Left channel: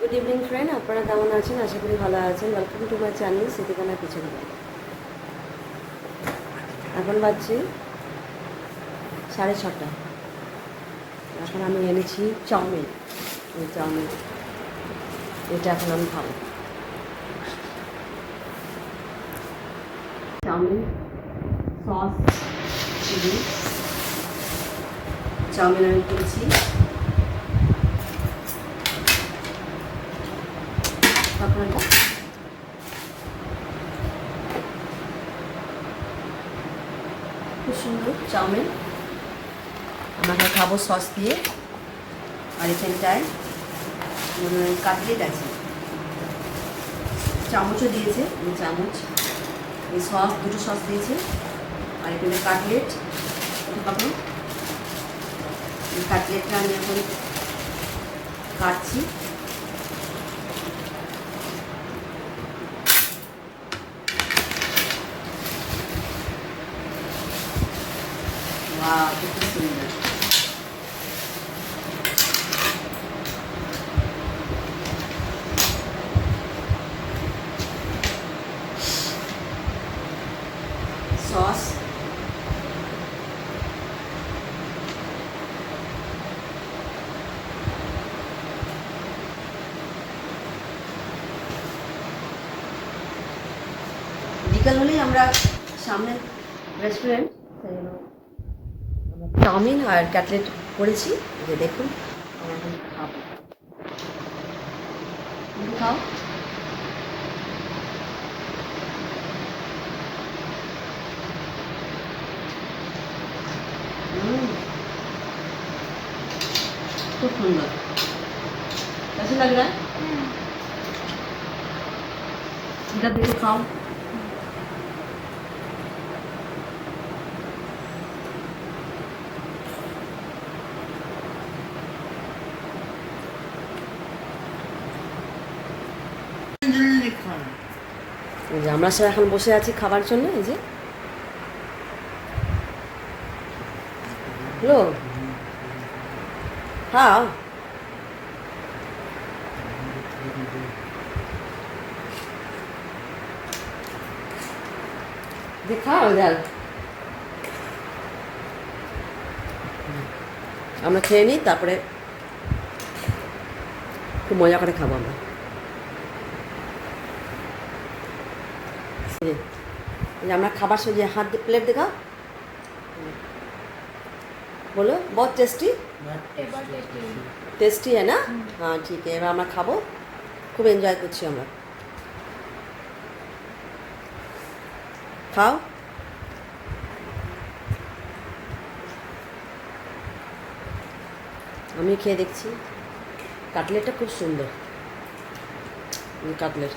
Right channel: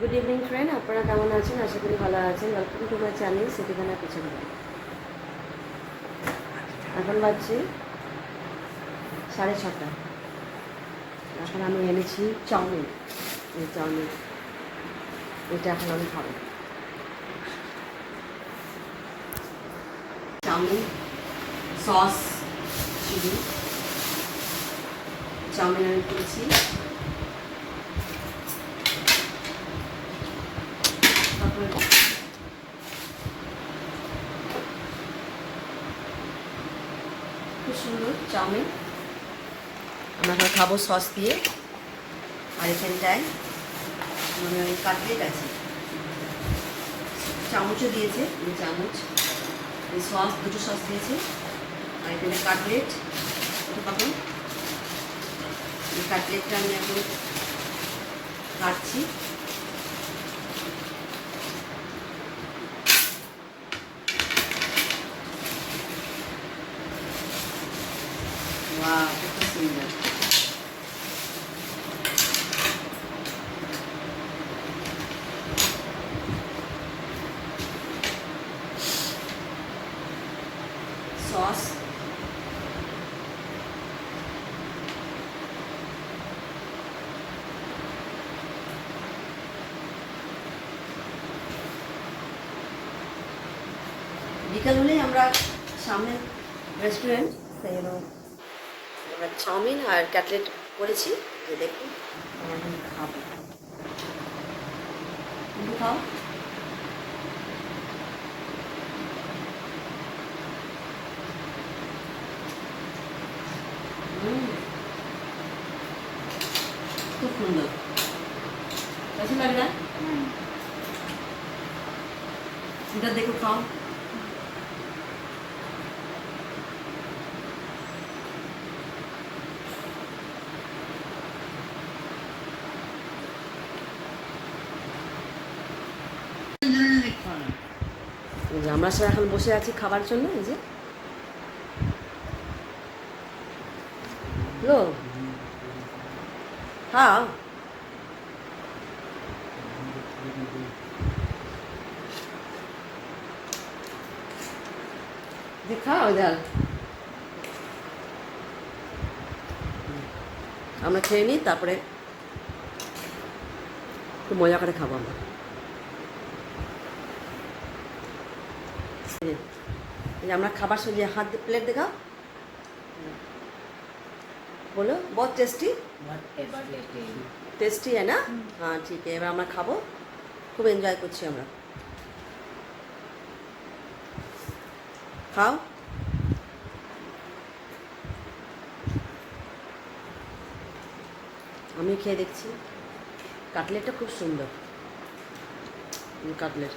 Good evening friend, আপনারা কেমন আছেন? আশা করি ভালো আছেন। ওয়েলকাম টু মাই চ্যানেল সিটিখানা কিচেন। এখন বাজছে 6:30। এখন আমি এনেছি চাউমিন। এই চাউমিন এটা এখন আমি খাবো। চাউমিন সস চিলি চাউমিন আমি করেছি। তারপরে খুব সুন্দর চাউমিন আমরা খাবো সস দিয়ে। আর এখানটায় মানে কাটলেট আছে, চামচও দিয়েছে, এই চামচ এই সস দুটো সস দিয়েছে। আর এখানে কাটলেট পাবো। এই কাটলেটটা আমি এখন কাটছি। वाह कितना सुंदर। सॉस বিকাল হলেই আমরা সামনে রেস্টুরেন্ট আমরা চাউমিন আর কাটলেট করেছি, যে দেখুন আমরা এখন খাবো। তুমি খাও। খুব সুন্দর, कैसा लग रहा है? इधर देखो, खाओ। এই যে আমরা সব এখন বসে আছি খাবার জন্য। এই যে লো খাও, খাও যাল। আমরা খেয়ে নিই, তারপরে একটু মজা করে খাবো আমরা। আমরা খাবার সজিয়ে हाथ प्लेट दिखाओ। बोलो बहुत टेस्टी टेस्टी है ना? हाँ ठीक है, এবার আমরা খাবো। খুব এনজয় করছি আমরা। খাও। আমি খেয়ে দেখছি। কাটলেটটা খুব সুন্দর, কাটলেট।